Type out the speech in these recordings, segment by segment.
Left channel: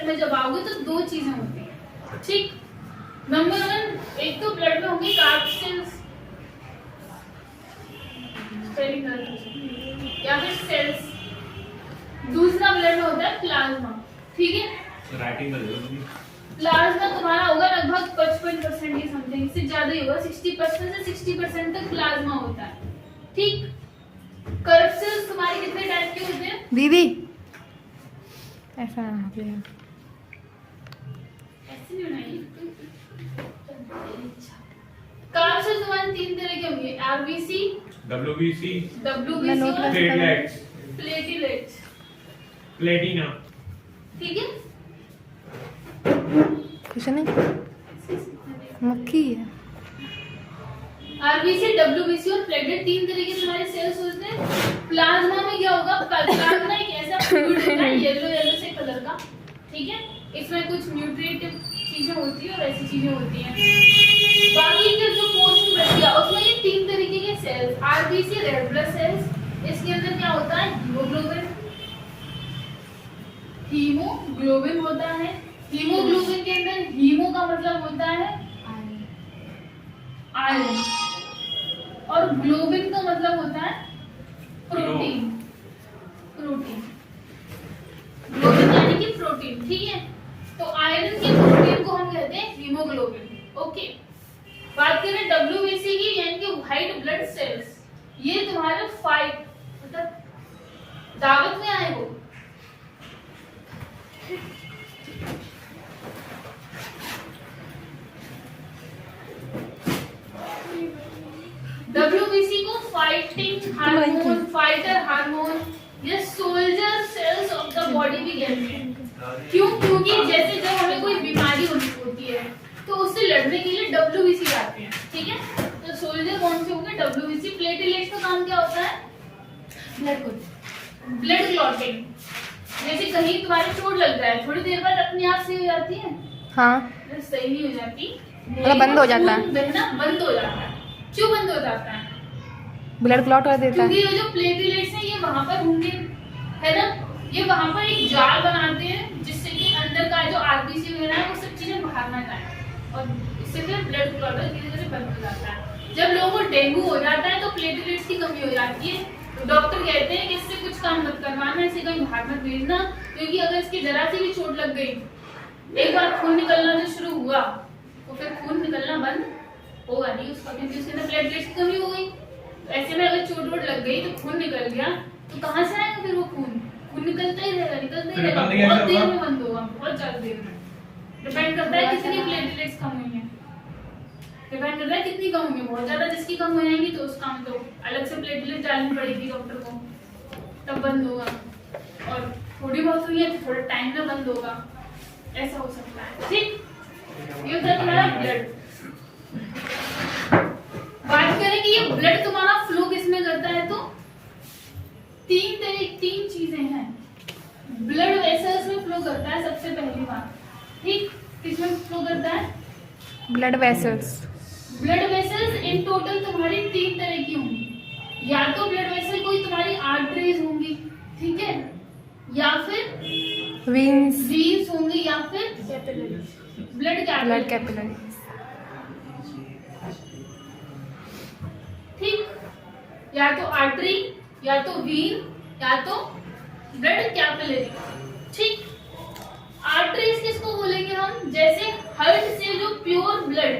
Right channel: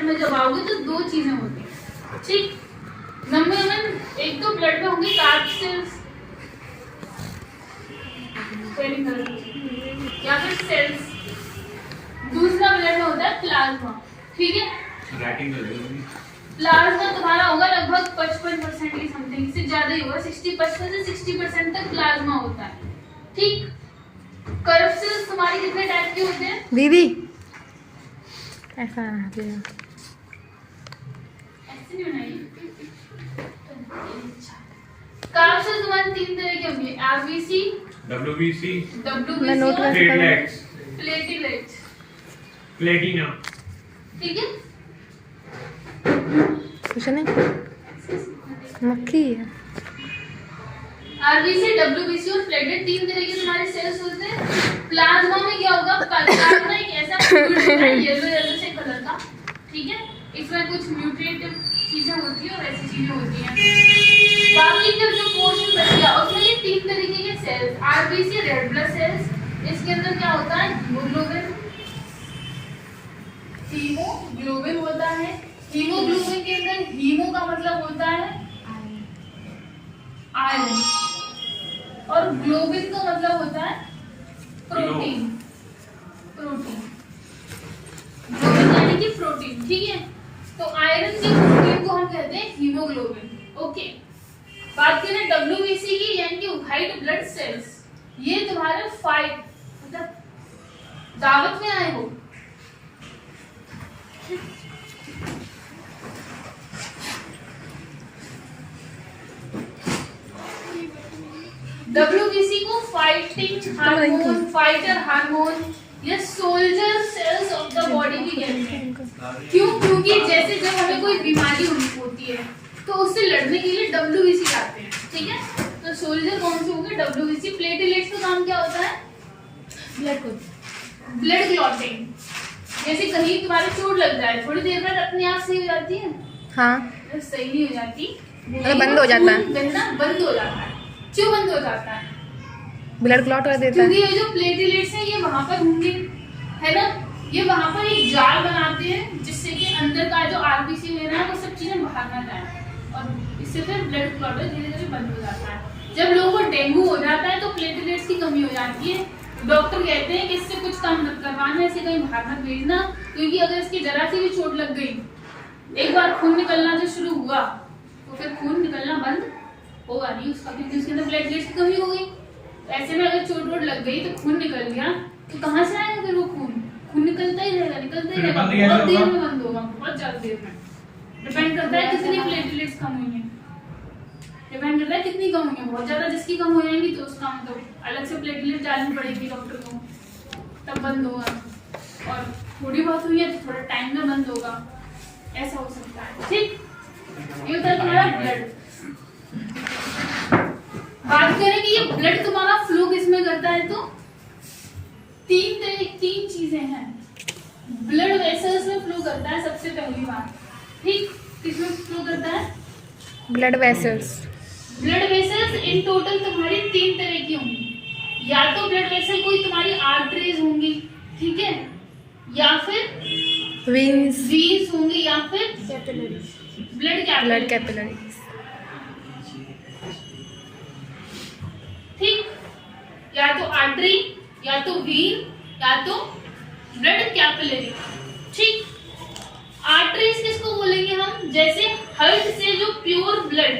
Blood में जब आओगे तो दो चीजें होती हैं, ठीक। नंबर 1, एक तो ब्लड में होंगे कार्ब सेल्स या फिर सेल्स, दूसरा ब्लड में होता है प्लाज्मा, ठीक है। प्लाज्मा तुम्हारा होगा लगभग 55% की समथिंग, इससे ज्यादा ही होगा, 60% से 60% तक प्लाज्मा होता है, ठीक। कर्व सेल्स तुम्हारे कितने टाइप के होते हैं दीदी? ऐसा ऐसे नहीं बनाइए। कर्व सेल्स तुम्हारे 3 तरह के होंगे, आरबीसी, डब्ल्यूबीसी, प्लेटलेट्स, प्लेटिना, ठीक है। कुछ नहीं, मक्खी है। आरबीसी, डब्ल्यूबीसी और प्लेटलेट 3 तरह के तुम्हारे सेल्स होते हैं। प्लाज्मा में क्या होगा, प्लाज्मा एक ऐसा फ्लूइड होता है येलो से कलर का, ठीक है। इसमें कुछ न्यूट्रिएंट चीजें होती है और ऐसी चीजें होती हैं। बाकी के जो पोर्शन बच गया उसमें ये 3 तरीके के cells, RBC red blood cells, इसके अंदर क्या होता है, हीमोग्लोबिन होता है। हीमोग्लोबिन के अंदर हीमो का मतलब होता है आयरन और ग्लोबिन का मतलब होता है प्रोटीन। ग्लोबिन यानी कि प्रोटीन, ठीक है। तो आयरन के प्रोटीन को हम कहते हैं हीमोग्लोबिन, ओके। बात करें डब्ल्यूबीसी की यानी कि व्हाइट ब्लड सेल्स, ये तुम्हारे 5 मतलब दावत में आए हो, डब्ल्यूबीसी को फाइटिंग हार्मोन, फाइटर हार्मोन, ये soldier cells of the body भी कहते हैं। क्यों? क्योंकि जैसे जब हमें कोई बीमारी होती है तो उससे लड़ने के लिए डब्ल्यूबीसी जाते हैं, ठीक है। तो सोल्जर कौन से होंगे, डब्ल्यूबीसी। प्लेटलेट्स का काम क्या होता है, ब्लड क्लॉटिंग। जैसे कहीं तुम्हारे चोट लग जाए, थोड़ी देर बाद अपने आप सही हो जाती है, हाँ, सही नहीं हो जाती, मतलब बंद हो जाता है, बंद हो जाता है। क्यों बंद हो जाता है, ब्लड क्लॉट कर देता है। क्योंकि ये जो प्लेटलेट्स हैं ये वहां पर होंगे, है ना, ये वहां पर एक जाल बनाते हैं जिससे कि अंदर का जो आरबीसी वगैरह है वो सब चीजें बाहर ना जाए और इससे फिर ब्लड क्लॉट धीरे धीरे बंद हो जाता है। जब लोगों को डेंगू हो जाता है तो प्लेटलेट्स की कमी हो जाती है, डॉक्टर कहते हैं कि इससे कुछ काम मत करवाना, ऐसे कहीं बाहर मत भेजना, क्योंकि अगर इसकी जरा सी भी चोट लग गई, एक बार खून निकलना जो शुरू हुआ तो फिर खून निकलना बंद होगा नहीं उसका, क्योंकि उसके अंदर प्लेटलेट्स की कमी हो गई। ऐसे में अगर चोट वोट लग गई तो खून निकल गया तो कहाँ से आएगा फिर वो खून निकलता ही रहेगा, निकलता ही रहेगा, बहुत देर में बंद होगा, बहुत ज्यादा देर में। डिपेंड करता है कितनी प्लेटलेट्स कम हुई है, डिपेंड करता है कितनी कम हुई है। बहुत ज्यादा जिसकी कम हो जाएंगी तो उसका मतलब अलग से प्लेटलेट डालनी पड़ेगी डॉक्टर को, तब बंद होगा। और थोड़ी बहुत हुई है तो थोड़ा टाइम में बंद होगा, ऐसा हो सकता है, ठीक। ये होता है तुम्हारा ब्लड। बात करें कि ये ब्लड तुम्हारा फ्लो किसमें करता है, तो 3 चीजें हैं। ब्लड वेसल्स में फ्लो करता है सबसे पहली बात, ठीक। किसमें फ्लो करता है, blood vessels. Blood vessels in total तुम्हारी 3 तरह की होंगी, या तो ब्लड वेसल कोई तुम्हारी आर्टरीज होंगी, ठीक है, या फिर वीन्स होंगी, या फिर ब्लड कैपिलरीज, ठीक। या तो आर्टरी, या तो वीन, या तो ब्लड कैपिलरी, ठीक। आर्टरीज किसको बोलेंगे हम, जैसे हार्ट से जो प्योर ब्लड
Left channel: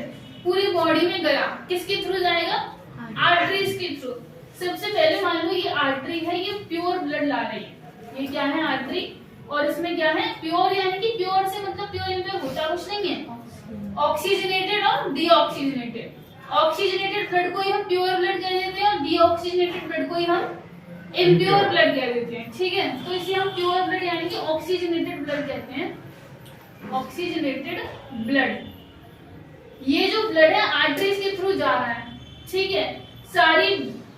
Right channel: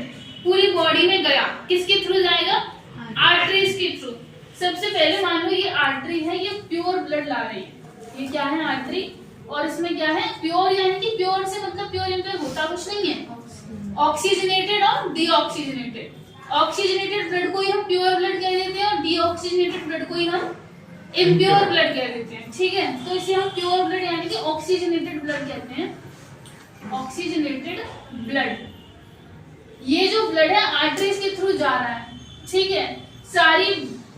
पूरी बॉडी में गया, किसके थ्रू जाएगा, आर्टरीज के थ्रू। सबसे पहले मान लो ये आर्टरी है, ये प्योर ब्लड ला रही है, ये क्या है, आर्टरी। और इसमें क्या है, प्योर, यानी कि प्योर से मतलब प्योर इनमें होता कुछ नहीं है, ऑक्सीजनेटेड और डीऑक्सीजनेटेड। ऑक्सीजनेटेड ब्लड को ही हम प्योर ब्लड कह देते हैं और डीऑक्सीजनेटेड ब्लड को ही हम इम्प्योर ब्लड कह देते हैं, ठीक है। तो इसे हम प्योर ब्लड यानी कि ऑक्सीजनेटेड ब्लड कहते हैं, ऑक्सीजनेटेड ब्लड। ये जो ब्लड है आर्टरीज के थ्रू जा रहा है, ठीक है, सारी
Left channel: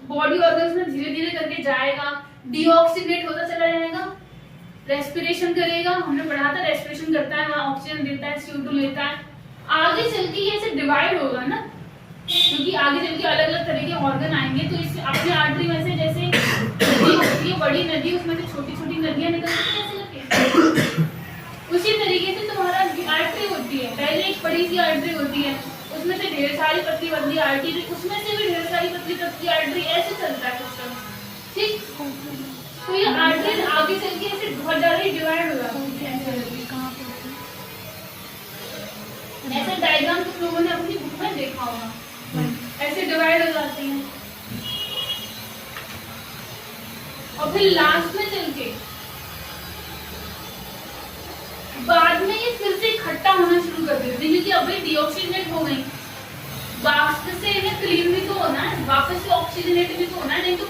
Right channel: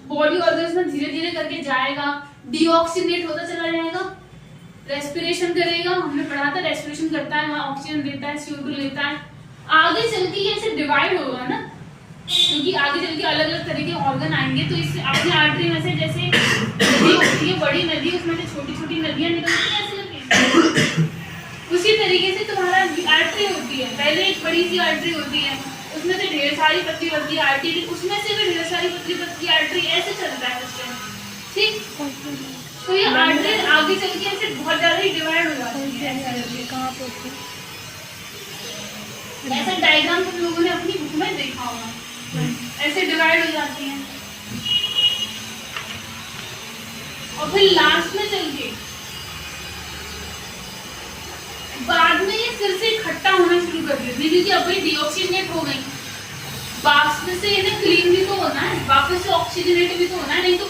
बॉडी ऑर्गन्स में धीरे धीरे करके जाएगा, डीऑक्सीजनेट होता चला जाएगा, रेस्पिरेशन करेगा, हमने पढ़ा था रेस्पिरेशन करता है, वहां ऑक्सीजन देता है, CO2 लेता है। आगे चल के ये ऐसे डिवाइड होगा ना, क्योंकि आगे चल के अलग अलग तरह के ऑर्गन आएंगे, तो इस अपने आर्टरी में से जैसे नदी होती है, बड़ी नदी, उसमें से छोटी छोटी नदियां निकलती हैं ऐसे करके, उसी तरीके बड़ी सी आर्टरी होती है, उसमें से ढेर सारी पतली पतली आर्टरी, उसमें से भी ढेर सारी पतली पतली आर्टरी, ऐसे चलता है सिस्टम। ठीक, तो ये आर्टरी आगे चल के ऐसे बहुत ज्यादा ही डिवाइड हो जाती है। ऐसे डायग्राम तुम लोगों ने अपनी बुक में देखा होगा, ऐसे डिवाइड हो जाती हैं और फिर लास्ट में चल के बाद में ये फिर से इकट्ठा होना शुरू कर देती है, क्योंकि अब भाई डीऑक्सीजनेट हो गई, वापस से इन्हें क्लीन भी तो होना है, वापस से ऑक्सीजनेट भी तो होना है, नहीं तो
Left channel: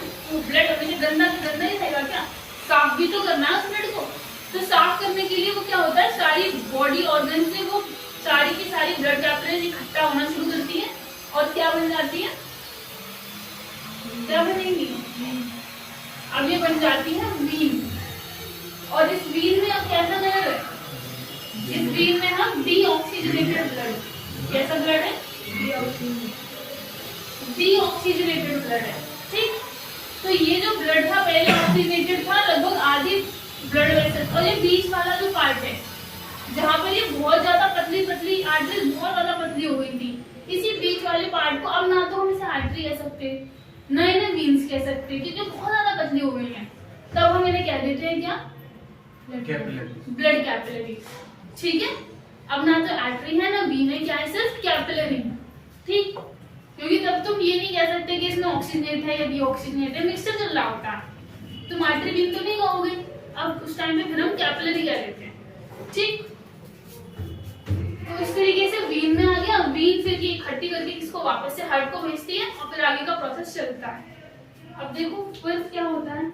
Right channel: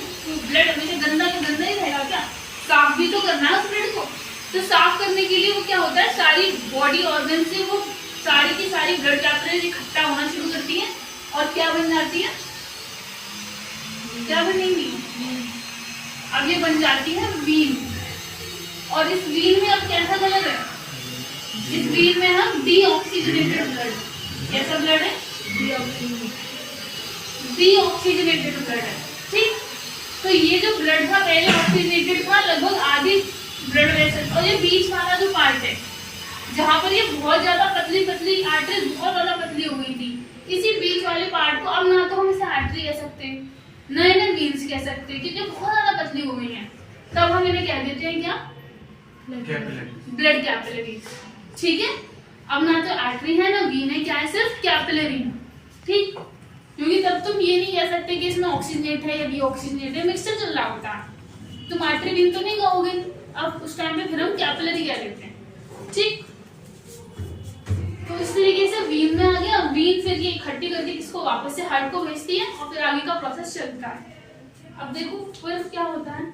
ब्लड हमेशा गंदा गंदा ही रहेगा क्या, साफ भी तो करना है उस ब्लड को। तो साफ करने के लिए वो क्या होता है, सारी बॉडी ऑर्गन से वो सारी की सारी ब्लड कैपिलरीज इकट्ठा होना शुरू करती है और क्या बन जाती है, क्या बनेंगी, अब ये बन जाती है वीन। और इस वीन में अब कैसा कलर है, इस वीन में हम डीऑक्सीजनेटेड ब्लड, कैसा ब्लड है, डीऑक्सीजनेटेड ब्लड है। ठीक, तो ये जो ब्लड था पहले ऑक्सीजनेटेड था लगभग आधी ब्लड वेसल, और ये बीच वाला जो पार्ट है जहाँ पर ये बहुत ज्यादा पतली पतली आर्टरी बहुत ज्यादा पतली हो गई थी, इसी बीच वाले पार्ट को अब ना तो हम इसे आर्टरी कह सकते, ना इन्हें वीन्स कह सकते, क्योंकि बहुत ज्यादा पतली हो गई है, तब हम इन्हें कह देते हैं क्या, ब्लड कैपिलरीज। ठीक है, अब ना तो आर्टरी है ना वीन है, क्या है, सिर्फ कैपिलरी है। ठीक, क्योंकि तब तुम ये नहीं कह सकते कि इसमें ऑक्सीजनेट है या डीऑक्सीजनेट है, मिक्सचर चल रहा होता है, तुम आर्टरी वीन तो नहीं कहोगे, अब उस टाइम में फिर हम कैपिलरी कह देते हैं। ठीक, तो इस तरीके से वीन में आ गया, वीन फिर ये इकट्ठी करके किसको वापस से हार्ट को भेजती है और फिर आगे का प्रोसेस चलता है। अब देखो फिर क्या होता है,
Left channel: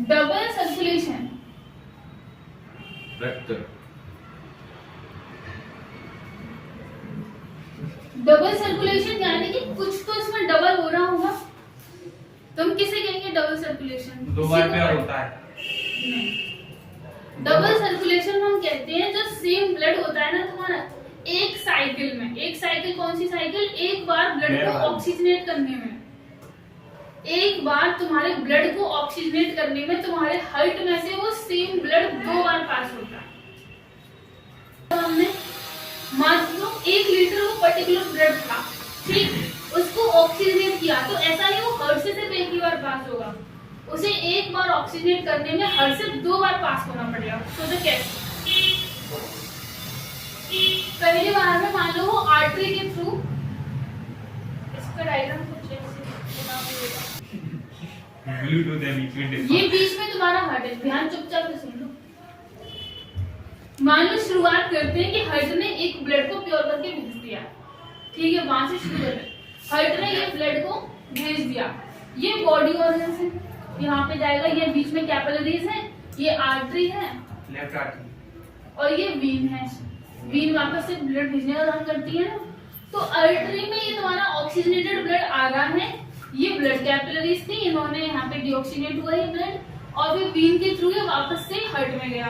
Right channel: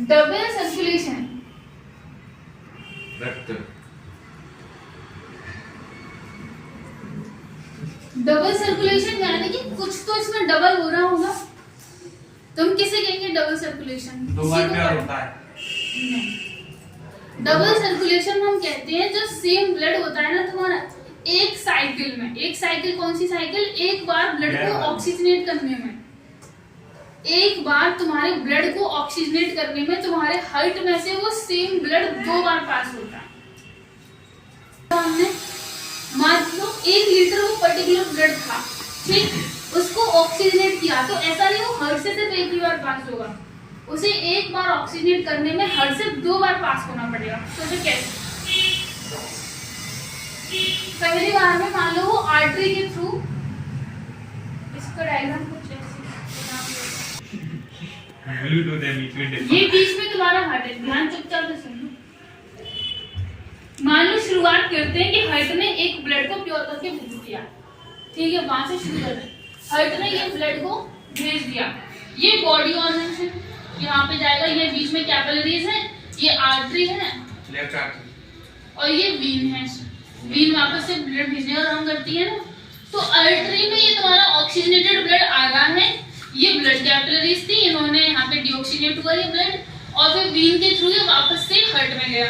डबल सर्कुलेशन, डबल सर्कुलेशन यानी कि कुछ तो इसमें डबल हो रहा होगा, तुम किसे कहेंगे डबल सर्कुलेशन, दो बार प्यार होता है, डबल सर्कुलेशन हम कहते हैं जो सेम ब्लड होता है ना तुम्हारा एक साइकिल में, एक साइकिल कौन सी साइकिल, एक बार ब्लड को ऑक्सीजनेट करने में, एक बार तुम्हारे ब्लड को ऑक्सीजनेट करने में तुम्हारे हार्ट में से वो सेम ब्लड 2 बार पास होता है। तो हमने मान लो 1 लीटर वो पर्टिकुलर ब्लड था, ठीक, उसको ऑक्सीजनेट किया, तो ऐसा नहीं वो हार्ट से सिर्फ एक ही बार पास होगा, उसे एक बार ऑक्सीजनेट करने में हार्ट से 2 बार पास होना पड़ेगा। तो कैसे, पहली बार में मान लो वो आर्टरी के थ्रू, इसका डायग्राम कुछ ऐसे ये बीच में तुम्हारा हार्ट है, ध्यान चुपचाप से सुन लो। मान लो शुरुआत करते हैं कि हार्ट ने एक ब्लड को प्योर करके भेज दिया, ठीक है, वहां से शुरू करते हैं, हार्ट ने ये ब्लड को भेज दिया, ये बॉडी ऑर्गन है, यहाँ पे जाएगा, ये बीच में कैपिलरीज है, ये आर्टरी है और ये वीन है, वीन वापस से ब्लड भेजने का काम करती है ना। तो आर्टरी में ये तुम्हारा ऑक्सीजनेटेड ब्लड आ रहा है, ये ब्लड कैपिलरीज थी, इन्होंने यहाँ पे डीऑक्सीजनेट हुआ ये ब्लड, और फिर वीन के थ्रू ये वापस से हार्ट में गया,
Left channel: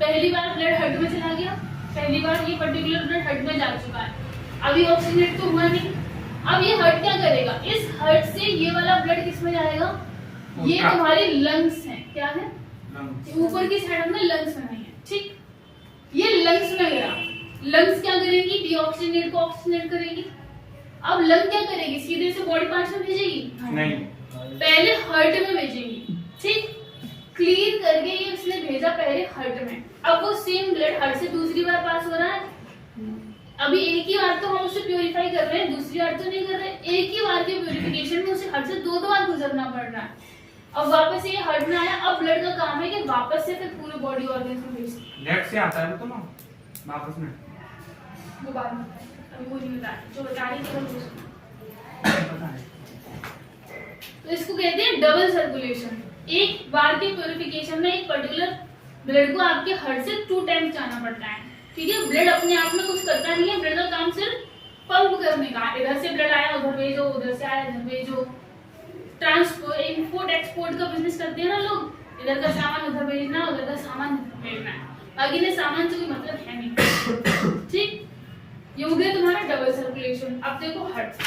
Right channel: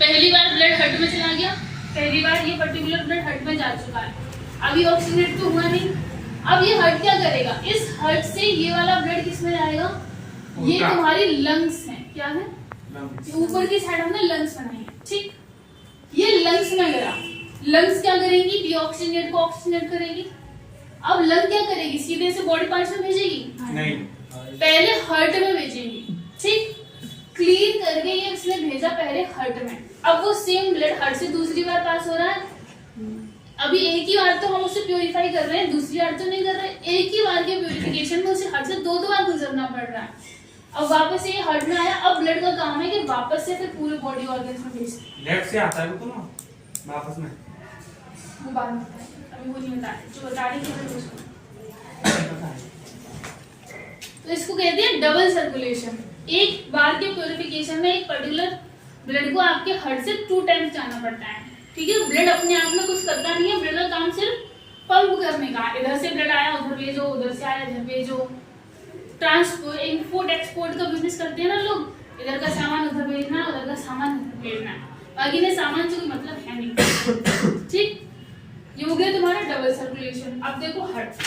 पहली बार ब्लड हार्ट में चला गया, पहली बार ये पर्टिकुलर ब्लड हार्ट में जा चुका है, अभी ऑक्सीजनेट तो हुआ नहीं, अब ये हार्ट क्या करेगा, इस हार्ट से ये वाला ब्लड किस में जाएगा, ये तुम्हारी लंग्स है, क्या है, ऊपर की साइड हमने लंग्स बनाई है, ठीक, ये लंग्स में गया, लंग्स क्या करेंगी, डीऑक्सीजनेट को ऑक्सीजनेट करेगी। अब लंग क्या करेगी, सीधे से बॉडी पार्ट्स में भेजेगी नहीं, पहले हार्ट में भेजेगी, ठीक, क्लीन करके ये इसने भेजा पहले हार्ट में, अब वो सेम ब्लड हार्ट से दूसरी बार पास हो रहा है, अभी एक ही बार तो हम उसे प्योरीफाई कर रहे हैं, दूसरी बार तो नहीं कर रहे, एक ही बार के प्योरिफिकेशन में उसे हार्ट से 2 बार गुजरना पड़ रहा है। अब वापस ये हार्ट में आया, अब ब्लड का काम है कि वापस से फिर पूरे बॉडी ऑर्गन्स में भेजे, लेफ्ट से आता है वो तो ना वापस में, वो बाद में अभी वो नहीं बता जो बता रही थी उसको। तो इसको कहते हैं डबल सर्कुलेशन, एक बार के प्योरिफिकेशन में एक पर्टिकुलर ब्लड को आपके हार्ट से 2 टाइम्स जाना पड़ता है, ठीक है, ब्लड अपने आप में कुछ करता नहीं है, ब्लड का काम सिर्फ पंप करने का, इधर से ब्लड आया उधर भेजो, उधर से आया इधर भेजो, ट्रांसपोर्ट इंपोर्ट एक्सपोर्ट का बिजनेस करते हैं ना लोग, इधर का सामान उधर भेजना है, उधर का सामान उधर भेजना है, बाकी ने सामान से कोई मतलब है नहीं, ठीक, ये हो गया तुम्हारा डबल सर्कुलेशन। अब देखो हार्ट,